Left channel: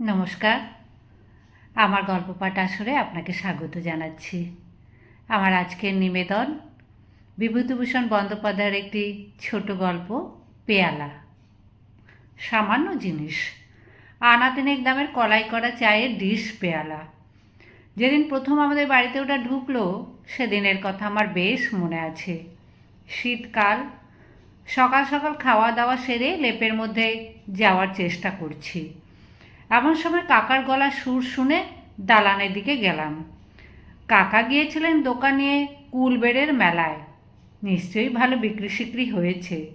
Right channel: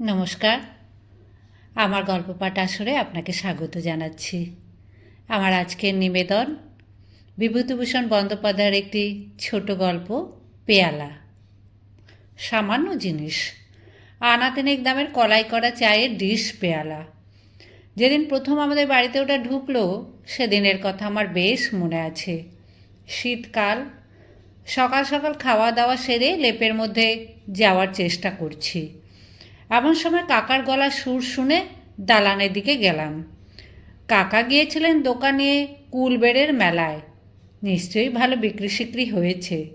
নমস্কার। আমার গল্প পাঠ আসরে আপনাকে স্বাগত জানাচ্ছি। আমার আজকের নিবেদন, বিভূতিভূষণ বন্দ্যোপাধ্যায়ের একটি ছোট গল্প, পেয়ালা। সামান্য জিনিস আনা তিনেক দামের কলাই করা চায়ের ডিশ পেয়ালা। যেদিন প্রথম আমাদের বাড়িতে ওটা ঢুকলো, সেদিনের কথা আমার বেশ মনে আছে। শীতকাল, সকাল সকাল খাওয়া দাওয়া সেরে লেপের মধ্যে যাওয়ার চেষ্টা করছি। এমন সময় কাকার গলা সুর শুনে দালানের দিকে গেলাম। কাকা গিয়েছিলেন দোকানে কুলবেড়ের মেলায়। নিশ্চয়ই ভালো বিক্রি সিক্রি হয়েছে।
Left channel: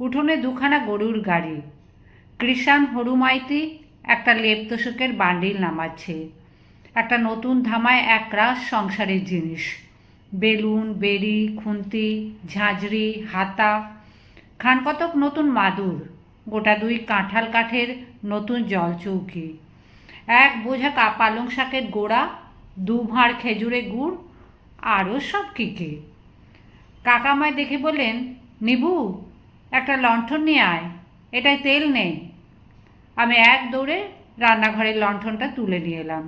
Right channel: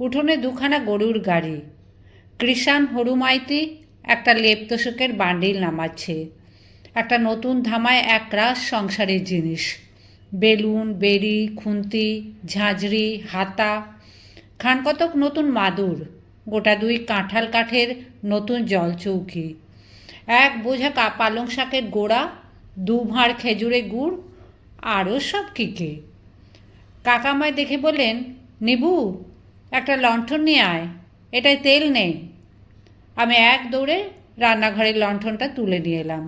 উঠোনে দুখানা গরুর গাড়ি। কৃষাণ হরুমাইতি একটা লেপ বান্ডিল নামাচ্ছে। একটা নতুন ধামায় একরাশ সংসারের জিনিস। বেলুন, বেড়ি, খুন্তি, ঝাঁঝরি, হাতা। খানকতক নতুন মাদুর। গোটা দুই কাঁঠাল কাঠের নতুন জল জলচৌকি এক বোঝা পালং শাকের গোড়া, দু ভাঁড় খেজুরে গুড়, আরও সব কী কী। কাকামায় দেখে বললেন, নিবু, একটা লণ্ঠন নিয়ে আয়, এটায় তেল নেই। আমি এক দৌড়ে রান্নাঘরের লণ্ঠনটা তুলে নিয়ে এলাম।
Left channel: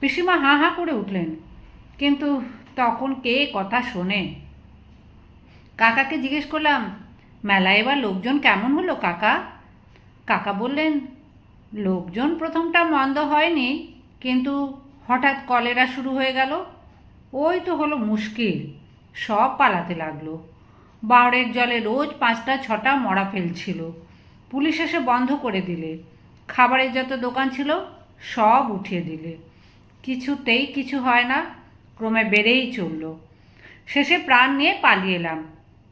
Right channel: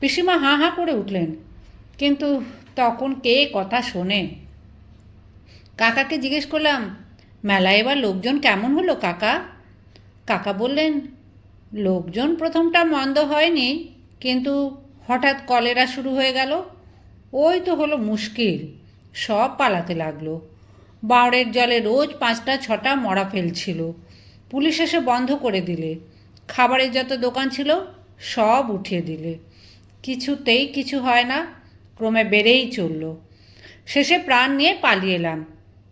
পিসিমা হাঁ হাঁ করে উঠলেন, কিন্তু তখন কে কথা শোনে? কাকাকে জিজ্ঞেস করলাম মেলায় এবার লোকজন কেমন হলো, কাকা? কাকা বললেন, লোকজন প্রথমটা মন্দ হয়নি, কিন্তু হঠাৎ কলেরা শুরু হয়ে গেল। ওই তো হলো মুশকিল, সব পালাতে লাগল। বাঁড়ের জলে রোজ পাঁচটা, ছটা মরা ফেলছিল। পুলিশ এসে বন্ধ করে দিলে। খাবারের যত দোকান ছিল, সব উঠিয়ে দিলে। কিছুতেই কিছু হয় না, ক্রমে বেড়েই চলল। শেষে প্রাণ নিয়ে পালিয়ে এলাম।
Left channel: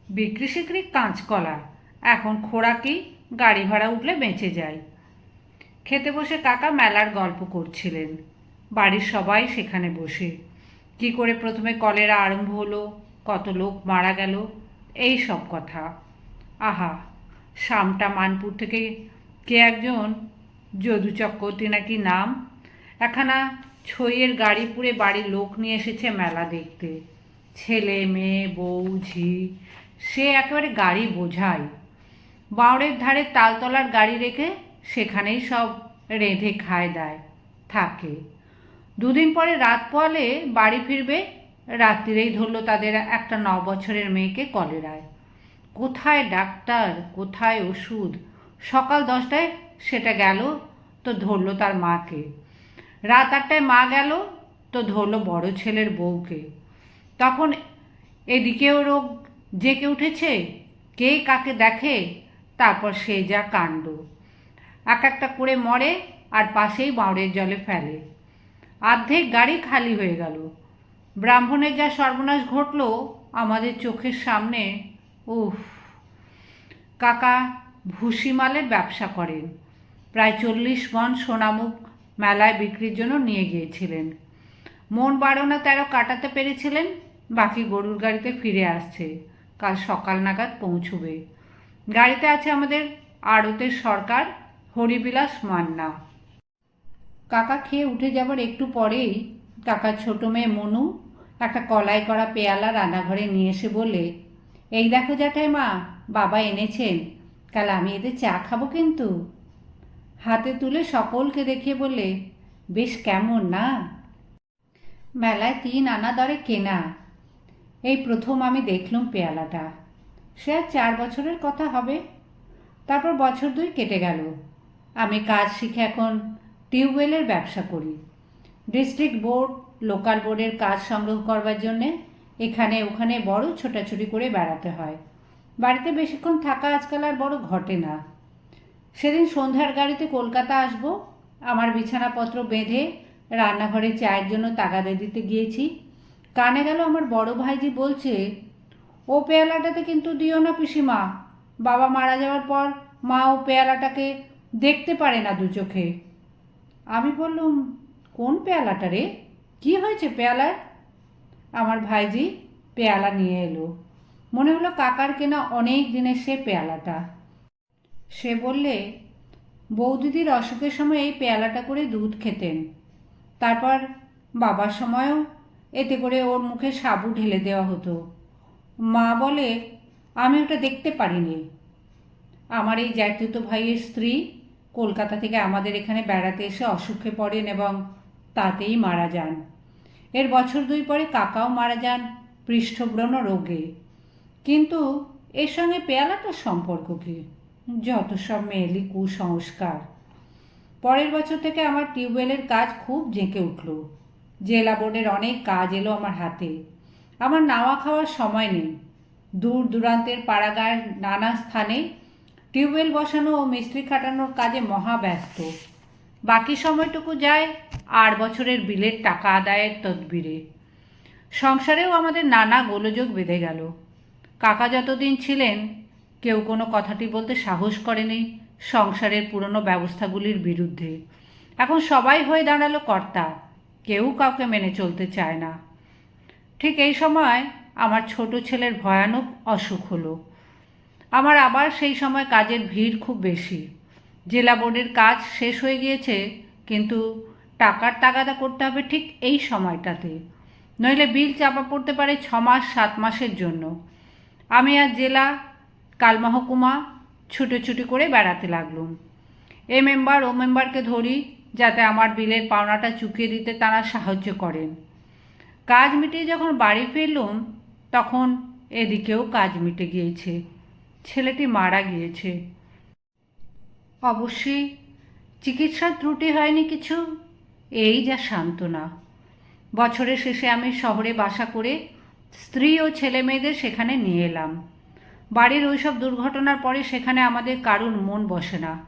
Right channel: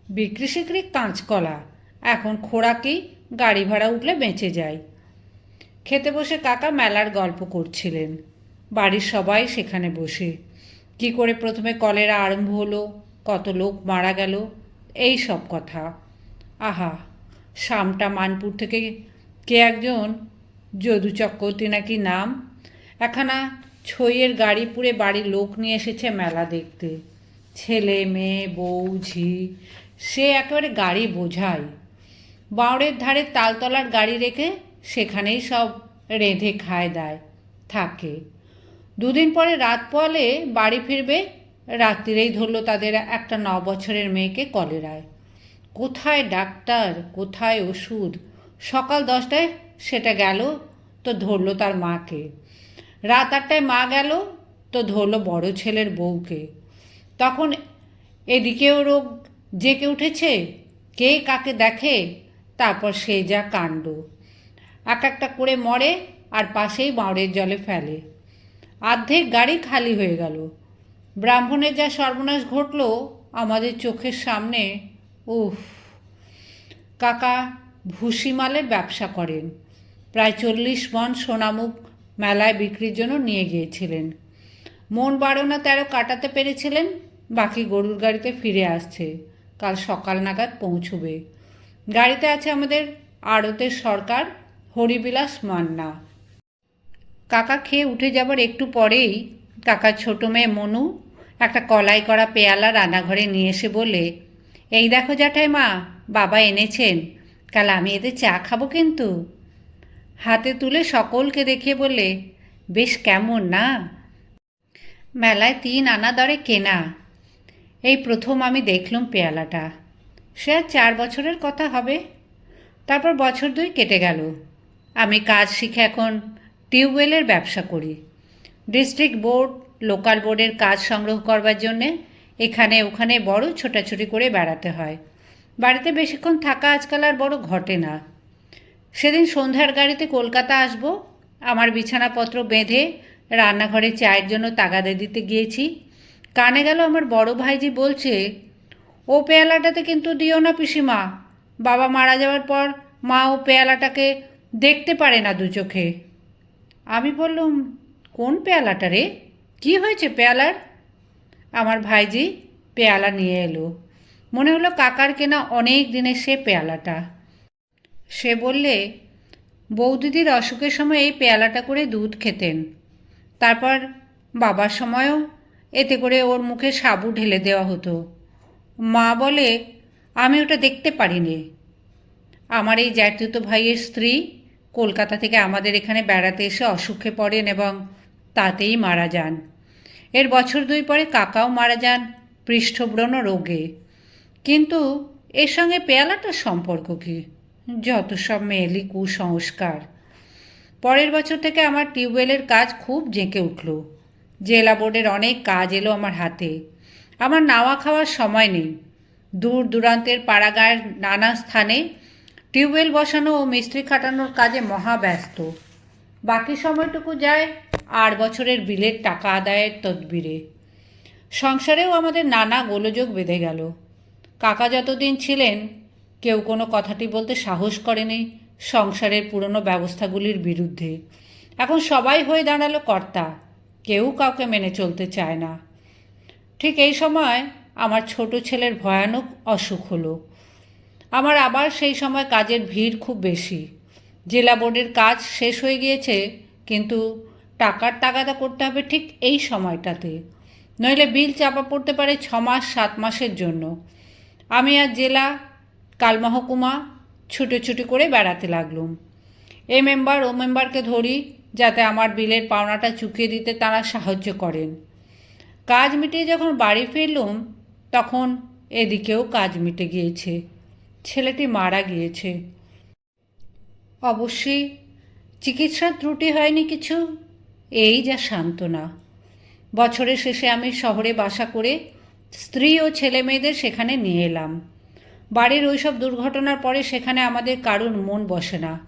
বিক্রি সিক্রি কাঁচকলা এখন খোরাকি গাড়ি ভাড়া উঠলে বেঁচে যায়। খেতে বসে কাকা মেলার গল্প করছিলেন। বাড়ির সবাই সেখানে বসে। কি করে প্রথমে কলেরা আরম্ভ হলো, কত লোক মারা গেল, এই সব কথা। আহা, শামটা মানপুর থেকে কে একজন? যদু চক্রবর্তী নাকি নাম? একখানা ছইয়ের গাড়ি পুড়ে বাড়ির লোক নিয়ে এসেছে মেলা দেখতে। ছেলে, মেয়ে, বউ, ঝি সে একেবারে গাড়ি বোঝায়। বাঁড়ের ধারে তালতলার গাড়ি রেখে সেখানেই সব রেঁধে খায় দেয়, থাকে। দুদিন পরে রাত পোয়ালে বাড়ি ফিরবে, রাত্রিরেই ধরলো তাদের একটা ন বছরের মেয়েকে কলেরায়। কোথায় ডাক্তার, কোথায় ওষুধ? সকাল দশটায় সেটা গেল, তো ধরলো তার মাকে। রাত আটটায় মা গেল, তো ধরলো বড় ছেলের বউকে। তখন এদিকেও রোগ জেকে উঠেছে, কে কাকে দেখে, তারপর সে যা কাণ্ড। এক একটা করে মরে আর পাশেই বাঁড়ের জলে ফেলে। অর্ধেক গাড়ি খালি হয়ে গেল। ব্রাহ্মণের যা সর্বনাশ ঘটল, আমাদের চোখের সামনে, উফ। কাকা ভুসিমালের ব্যবসা করেন। প্রায় চল্লিশ মন সোনামুখ মেলায় বিক্রির জন্য নিয়ে গিয়েছিলেন। মন বারো না তেরো কাটাতে পেরেছিলেন, বাকি গরুর গাড়িতে ফিরে আসছে। কাল সকাল নাগাদ পৌঁছবে। গাড়িতে আছে আমাদের আড়তের সরকার, হরিবিলাস মান্না। কাকা খেয়ে উঠে যাবার একটু পরেই কাকার ছোটো মেয়ে মনু একটা কলাই করা পেয়ালা রান্নাঘরে নিয়ে এসে বলে, এই দেখো জ্যাঠাই মা, বাবা এনেছেন। কাল আমি এতে চা খাব কিন্তু? হাতে তুলে সকলকে দেখিয়ে বলে, বেশ কেমন না? মেলায় তিন আনা দরে কেনা। এই প্রথম আমি দেখলুম পেয়ালাটা। সে আর চার বছরের কথা হবে। তারপর বছর দুই কেটে গেল। আমি কাজ শিখে এখন টিউবওয়েলের ব্যবসা করি। ডিস্ট্রিক্ট বোর্ড, লোকাল বোর্ডের কাজ সংগ্রহ করবার জন্যে এখানে ওখানে বড় ছোটাছুটি করে বেড়াতে হয়। বাড়িতে বেশিক্ষণ থাকা আজকাল আর বড় ঘটে না। সেদিন সন্ধ্যার গাড়িতে কলকাতা আসব, আমার বিছানাপত্র বেঁধে রান্নাঘরে চায়ের জন্য তাগাদে দিতে গিয়েছি। কানে গেল আমার বড় ভাইজি বলছে, ও পেয়ালাটাতে কিন্তু দিও না পিসিমা। বাবা মারা যাওয়ার পর মা ও পেয়ালাটাকে দেখতে পারে না দু চোখে। আমি বললুম, কোন পেয়ালাটা রে? কী হয়েছে পেয়ালার? আমার ভাইজি পেয়ালা নিয়ে এলো। মনে হলো কাকার কেনা অনেক দিনের সে পেয়ালাটা। সে বললে বৌদিদির অসুখের সময় এই পেয়ালাটা করে দুধ খেতেন। তারপর বাবার সময়ও এতে করে ওর মুখে সাবু ঢেলে দেওয়া হতো। মা বলে, আমি ওটা দেখতে পারিনি। আমার এই জ্যাঠতুতো ভাইয়ের স্ত্রী কলকাতা থেকে আমাদের এখানে বেড়াতে এসে অসুখে পড়েন এবং তাতেই মারা যান। এর বছর দুই পরে কাকাও মারা যান পৃষ্ঠব্রণ রোগে। কিন্তু এর সঙ্গে পেয়ালাটার সম্পর্ক কি? যত সব মেয়েলি কুসংস্কার। পরের বছর থেকে আমার টিউবওয়েলের কাজ খুব জেঁকে উঠল। জেলা বোর্ডের অনেক কাজ এলো আমার হাতে। আমার নাওয়া খাওয়ার সময় নেই। দূর দূরান্তের পাড়াগাঁয়ের নানা স্থানে টিউবওয়েল বসানো ও মিস্ত্রি খাটানোর কাজে মহাব্যস্ত বাকি সময়টুকু যায় আট বছরের বিলের টাকা আদায়ের তদবিরে। সংসারেও আমাদের নানা গোলযোগ বেঁধে গেল। কাকা যতদিন ছিলেন, কেউ কোনো কথাটি বলতে সাহস করেনি সংসারের পুরনো ব্যবস্থাগুলির বিরুদ্ধে। এখন সবাই হয়ে দাঁড়াল কর্তা। কেউ কাউকে মেনে চলতে চায় না। ঠিক এই সময় আমার ছোট ছেলের ভয়ানক অসুখ হলো। আমার আবার সেই সময় কাজের ভিড় খুব বেশি। জেলা বোর্ডের কাজ শেষ হয়ে গিয়েছে, কিন্তু টাকার তাগাদা করতে হবে ঠিক এই সময়টাতে। নইলে বিল চাপা পড়তে পারে ছ মাস, সাত মাসের জন্য। আমি আর জেলা কালমহকুমা ছুটোছুটি করে বেড়াতে লাগলুম। এ মেম্বার ও মেম্বারকে ধরি যাতে আমার বিলের পাওনাটা চুকিয়ে দিতে তারা সাহায্য করেন। কাজ মিটিয়ে যখন বাড়ি ফিরলুম, তখন এদিকেও কাজ মিটে গিয়েছে। ছেলেটি মারা গিয়েছে। অবশ্যই চিকিৎসার ত্রুটি হয়নি কিছু? এই যা সান্ত্বনা। বছরের শেষে আমি শহরে বাসা করে স্ত্রী ও ছেলে মেয়েদের সেখানে নিয়ে এলাম। বাড়ির ওইসব দুর্ঘটনার পরে সেখানে আমাদের কারুর মন বসে না।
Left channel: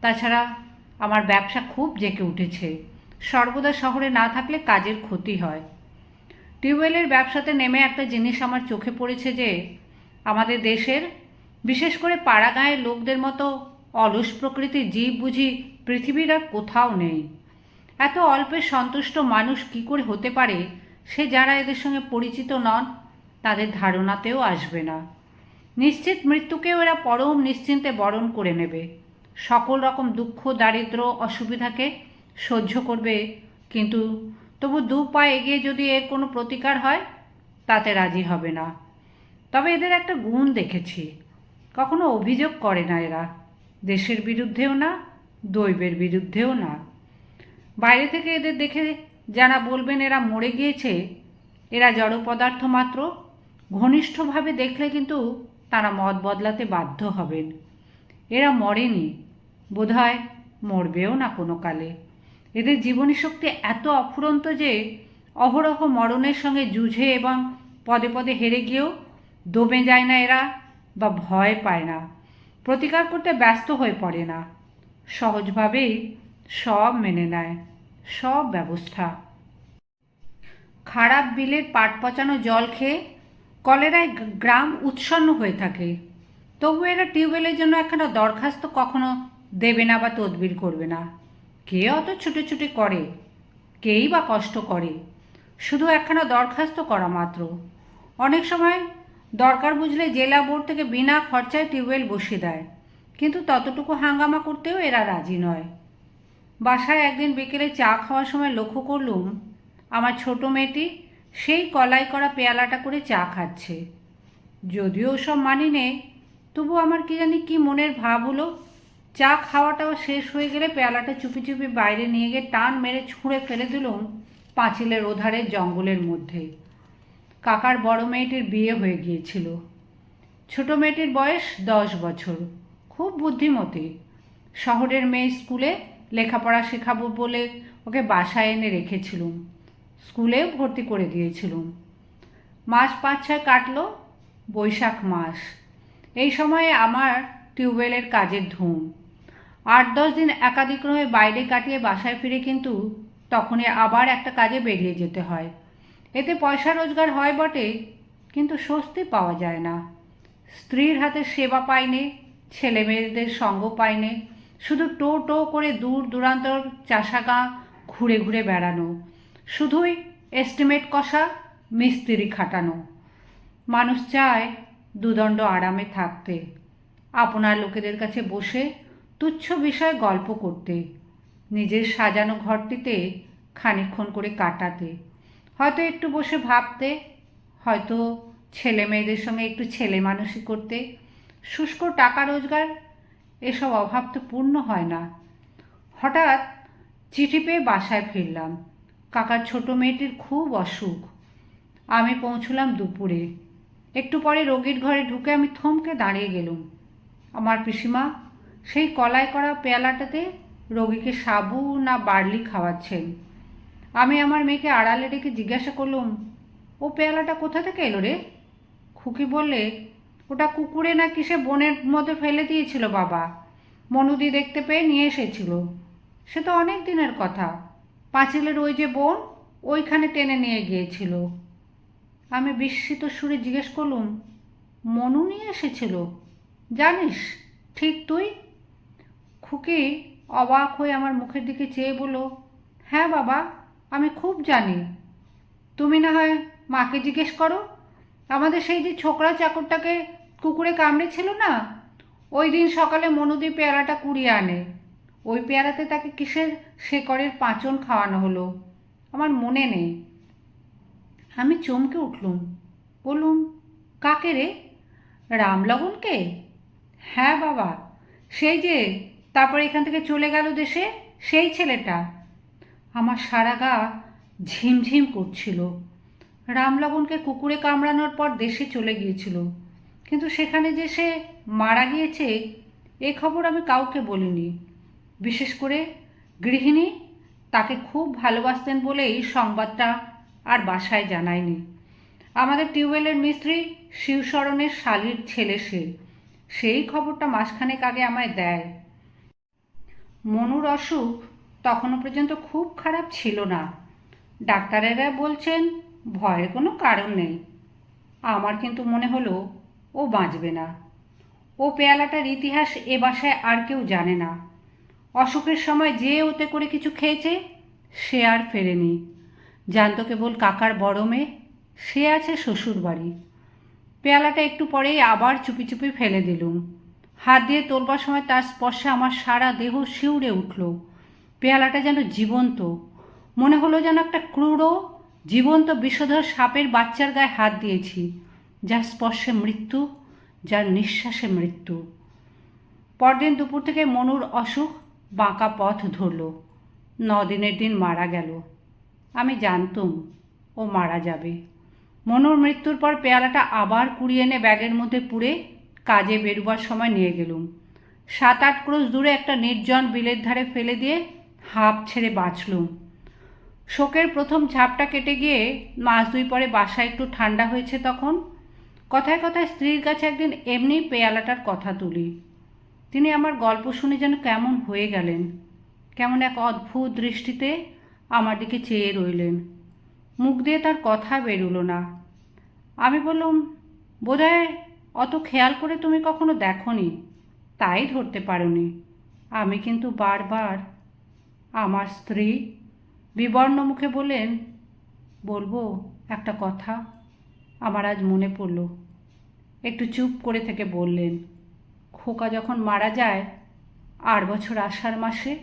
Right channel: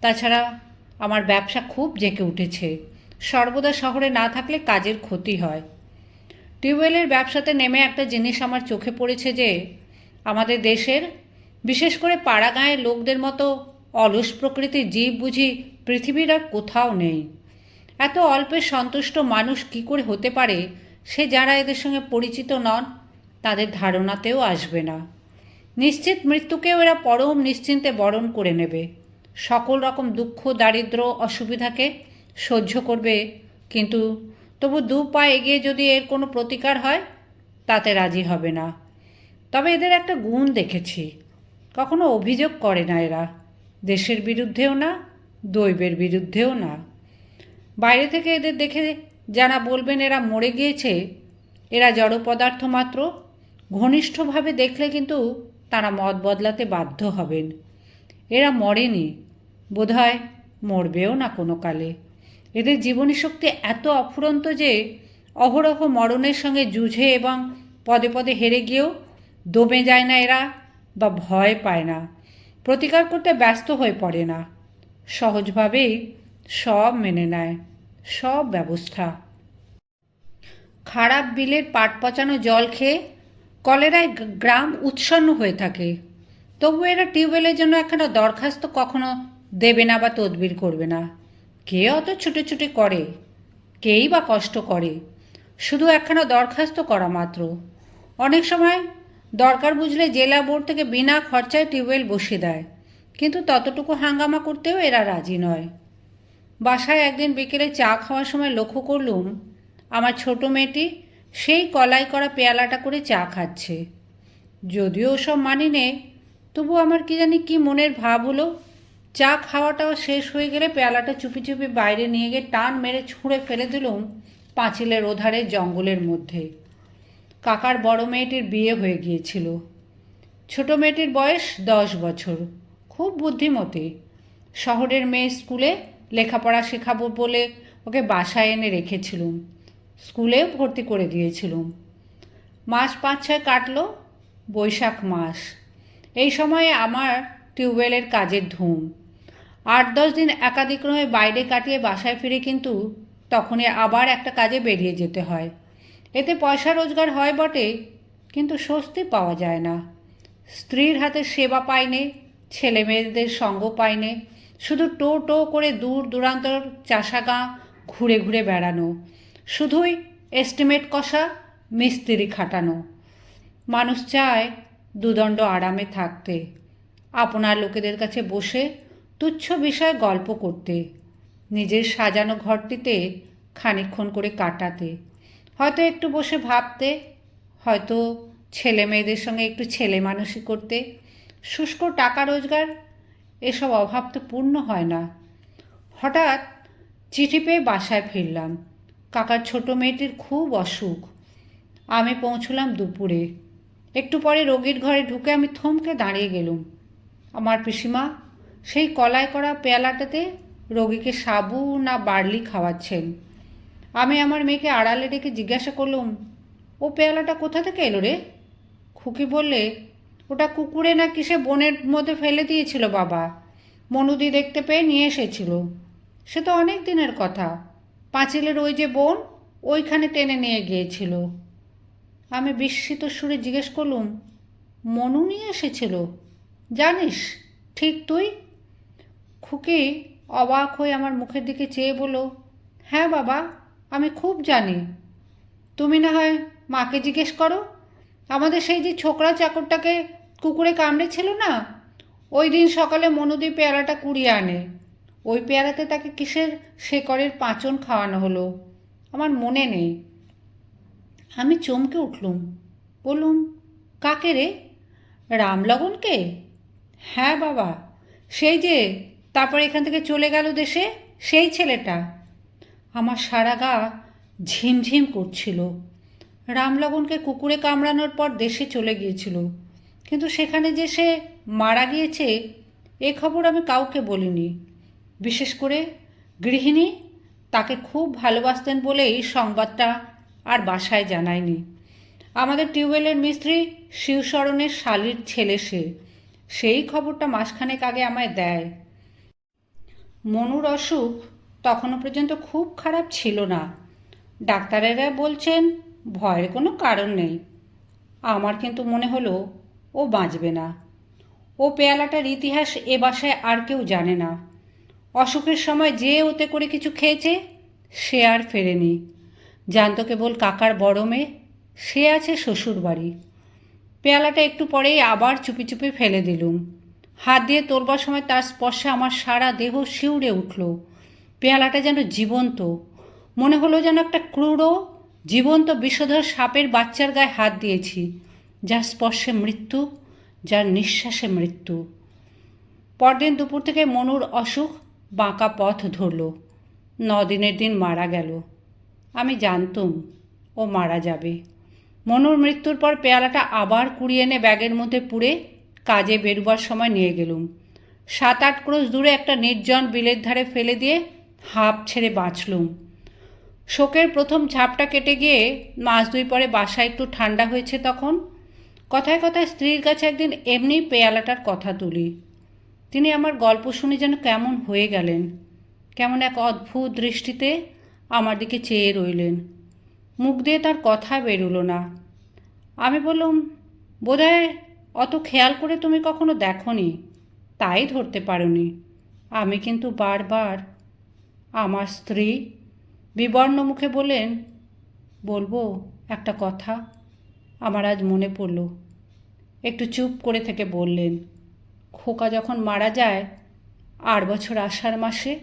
তাছাড়া আমার ব্যবসা খুব জেঁকে উঠেছে। সর্বদা শহরে না থাকলে কাজের ক্ষতি হয়। টিউবওয়েলের ব্যবসাতে নেমে একটা জিনিস আমার চোখে পড়েছে যে, আমাদের দেশের, বিশেষ করে পাড়া গাঁয়ের লোকদের মতো অলস প্রকৃতির জীব বুঝি পৃথিবীর আর কোথাও নেই। এত অল্পে সন্তুষ্ট মানুষ কি করে হতে পারে? সে যারা এদের সঙ্গে পরিচিত নন, তাদের ধারণাতেও আসবে না। নিশ্চিত মৃত্যুকেও এরা পরম নিশ্চিন্তে বরণ করে নেবে। সকল রকম দুঃখ দারিদ্র অসুবিধাকে সহ্য করবে। কিন্তু তবু দু পা এগিয়ে যদি এর কোনো প্রতিকার হয়, তাতে রাজি হবে না। তবে এদের একটা গুণ দেখেছি। কখনো অভিযোগ করে না এরা। দেশের বিরুদ্ধেও না, দৈবের বিরুদ্ধেও না। বাইরে থেকে এদের দেখে যারা বলবেন এরা মরে গিয়েছে, এরা জড় পদার্থ মাত্র, ঘনিষ্ঠভাবে দেখলে কিন্তু তারা মত বদলাতে বাধ্য হবেন। এরা মরেনি। বোধহয় মরবেও না কোনো কালে। এদের জীবনী শক্তি এত অফুরন্ত যে অহরহ মরণের সঙ্গে যুঝে এবং পদে পদে হেরে গিয়েও দমে যায় না এরা বা ভয় পায় না। প্রতিকার করতে ব্যস্ত হয়ে পড়ে না। সহজভাবেই সব মেনে নেয়, সব ব্যবস্থা। খারাপ বিলের পাট পচানো জল খেয়ে কলেরায় গ্রাম উৎসন্ন হয়ে থাকে। তবু এরা টিউবওয়েলের জন্য একখানা দরখাস্ত কখনো দেবে না বা তদবির করবে না। কে অত ছুটে ছুটে করে? কেই বা কষ্ট করে? শুধু একখানা দরখাস্ত করা মাত্র। অনেক সময় দরকার বুঝলে জেলা বোর্ড থেকে বিনা খরচায় টিউবওয়েল বসিয়ে দেয়। কিন্তু ততটুকু হাঙ্গামা করতেও এরা রাজি নয়। বাসায় একদিন বিকেলে চা খাওয়ার সময় লক্ষ্য করলুম, আমার ছোট মেয়েটি সেই কলাই করা পেয়ালাটা করে চা খাচ্ছে। যদিও সব মানি নে তবু আমার কি জানি কি মনের ভাব হলো চা খাওয়াটাও শেষ হয়ে গেলে পেয়ালাটা চুপি চুপি বাইরে নিয়ে গিয়ে টান মেরে ছুঁড়ে ফেলে দিলুম পাঁচিলের ওধারে জঙ্গলের মধ্যে। কাকার বড় মেয়েটির বিয়ে হয়ে গিয়েছিল। ছোট মেয়েটির বয়স দশ বছর। খুব বুদ্ধিমতী। শহরের মেয়ে স্কুলে লেখাপড়া শেখাবো বলে ওকে বাসায় এনে রেখেছিলুম। স্কুলে ভর্তি করে দিয়েছিলুম। মাস পাঁচ ছয় কাটলো, বৈশাখ মাস। এই সময়ে আমার টিউবওয়েলের কাজের ধুম। আট দশ দিন একাধিক্রমে বাইরে কাটিয়ে বাসায় ফিরে কিন্তু তখনই আবার একটা কাজে বেরিয়ে যেতে হয়। এতে পয়সা রোজগার হয় বটে, কিন্তু স্বস্তি পাওয়া যায় না। স্ত্রীর হাতে সেবা পাইনে ছেলে মেয়েদের সঙ্গ পাইনে শুধু টো টো করে দূর দূরান্তর চাষাগাঁ ঘুরে ঘুরে বেড়ানো, শুধুই এস্টিমেট কষা, মিস্ত্রি খাটানো। মানুষ চায় দুদণ্ড আরামে থাকতে। আপনার লোকেদের কাছে বসে তুচ্ছ বিষয়ে গল্প করতে, নিজের সাজানো ঘরটিতে খানিক্ষণ করে কাটাতে। হয়তো একটু বসে ভাবতে, হয়তো ছেলে মেয়েদের সঙ্গে একটু ছেলে মানুষই করতে। শুষ্ক টাকা রোজগার, এসব অভাব তো পূর্ণ হয় না। হঠাৎ চিঠি পেয়ে বাসায় ফিরলাম। কাকার ছোট মেয়েটির খুব অসুখ। আমি পৌঁছলাম দুপুরে। একটু পরে রোগীর ঘরে ঢুকে আমি থমকে দাঁড়িয়ে গেলুম। আমার পিসিমা সেই কলায় করা পেয়ালাটাতে রোগীকে সাবু না বার্লি খাওয়াচ্ছেন। আমি আমার মেয়েকে আড়ালে ডেকে জিজ্ঞাসা করলুম, ও পেয়ালাটা কোথা থেকে এলো রে? খুকি বললে, ওটা কুকুরে না কিসে বনের মধ্যে ফেলে দিয়েছিল বাবা। মনুদি দেখতে পেয়ে নিয়ে এসেছিল। সে তো অনেক দিনের কথা। পাঁচিলের ওই যে বোন, ওইখানে টেনে নিয়ে গিয়েছিল। আমি বিস্মিত সুরে জিজ্ঞেস করলুম, মনু নিয়ে এসেছিল? জানিস, ঠিক তুই? খুকি অবাক হয়ে আমার মুখের দিকে চেয়ে বলল হ্যাঁ বাবা, আমি খুব জানি। তুমি না হয় মাকে জিজ্ঞেস করো। আমাদের সেই যে ছোকরা চাকরটাকে কুকুরে কামড়েছিল না, ওই দিন সকালে মনুদি পেয়ারাটা কুড়িয়ে আনে। ওই পেয়ারাতে তাকে কিসের শেকড়ের পাঁচন খাওয়ানো হলো? আমার মনে নেই। আমি চমকে উঠলুম। বললুম, কাকে রে? রামলগনকে? হ্যাঁ বাবা, সেই যে তারপরে এখান থেকে চলে গেল দেশে সেই ছেলেটা। আমার সারা গা ঝিমঝিম করছিল। রামলগনকে কুকুরে কামড়ানোর পর দেশে চলে গিয়েছিল। কিন্তু সেখানে যে সে মারা গিয়েছে, এ খবর আমি কাউকে বলিনি। বিশেষ করে গৃহিণী তাকে খুব ভালোবাসতেন বলেই সংবাদটা আর বাসায় জানায়নি। আমাদের টিউবওয়েলের মিস্ত্রি শিবশরণের শালির ছেলে সে। সেই খবরটা মাসখানেক আগে আমায় দেয়। মনুর অসুখ তখনও পর্যন্ত খুব খারাপ ছিল না। ডাক্তারেরা বলছেন, ভয়ের কোনো কারণ নেই। আমার কিন্তু মনে হলো, ও বাঁচবে না। ও পেয়ালাটার ইতিহাস এ বাসায় আর কেউ জানে না। অসুখের সময় যে ওতে করে কিছু খেয়েছে, সে আর ফেরেনি। জানতো কেবল কাকার বড় মেয়ে, সে আছে শ্বশুর বাড়ি পেয়ালাটা একটু পরেই আবার চুপি চুপি ফেলে দিলুম। হাত দিয়ে তোলবার সময় তার স্পর্শে আমার সারা দেহ শিউরে উঠল। পেয়ালাটা যেন জীবন্ত। মনে হলো যেন একটা ক্রূর জীবন্ত বিষধর সাপের বাচ্চার গায়ে হাত দিয়েছি, যার স্পর্শে মৃত্যু, যার নিঃশ্বাসে মৃত্যু। পরদিন দুপুর থেকে মনুর অসুখ বাঁকা পথ ধরল। দিনের দিন মারা গেল। আমি জানতুম ও মারা যাবে। মনুর মৃত্যুর পর পেয়ালাটা আবার কুড়িয়ে এনে ব্যাগের মধ্যে পুড়ে কাজে বেরুবার সময় নিয়ে গেলুম। সাত আট ক্রোশ দূরে একটা নির্জন বিলের ধারে ফেলে দিয়ে হাঁপ ছেড়ে বাঁচলুম। শোকের প্রথম ঝাপটা কেটে গিয়ে মাস দুই পরে বাসা একটু ঠান্ডা হয়েছে তখন। কথায় কথায় স্ত্রীর কাছে একদিন এমনি পেয়ালাটার কথা তুলি। তিনি আমার গল্প শুনে যেন কেমন হয়ে গেলেন। কেমন এক অদ্ভুত দৃষ্টিতে আমার দিকে চেয়ে রইলেন। মুখ দিয়ে তার কথা বেরুলো না। আমি বললাম, বোধহয় অত খেয়াল করে তুমি কখনো দেখনি? তাই ধরতে পারোনি। আমি কিন্তু বারবার আমার স্ত্রী বিবর্ণ মুখে বললেন, বলব একটা কথা? আমার আজ মনে পড়ল। একটু চুপ করে থেকে বললেন, খোকা যখন মারা যায়, আট বছর আষাঢ় মাসে,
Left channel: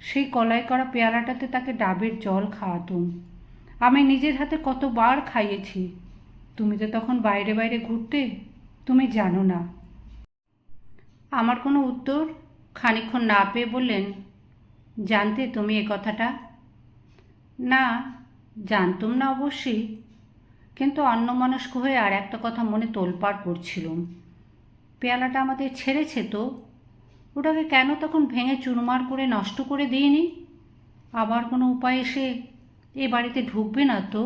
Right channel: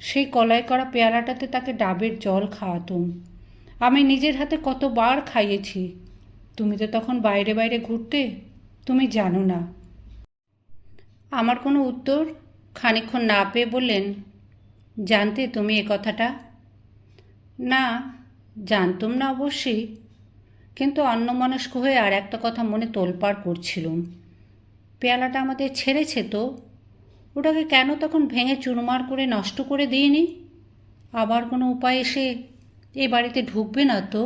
সেই কলাই করা পেয়ালাটাতে তাকে ডাবের জল খাওয়াতুম। আমি নিজের হাতে কতবার খাইয়েছি। তুমি তো তখন বাইরে বাইরে ঘুরতে তুমি জানো না। আমার কোনো উত্তর খানিক্ষণ না পেয়ে বললেন, জানতে তুমি এ কথাটা? না, জানতুম না অবশ্যই। কিন্তু অন্যমনস্ক হয়ে আর একটা কথা মনে তোলপাড় করছিলুম। পেয়ালাটা আমাদের ছেড়েছে তো। ওটাকে কেন তখন ভেঙে চুরমার করে নষ্ট করে দিইনি? আবার কোনো উপায় এসে এ বাড়িতে ঢুকবে না তো?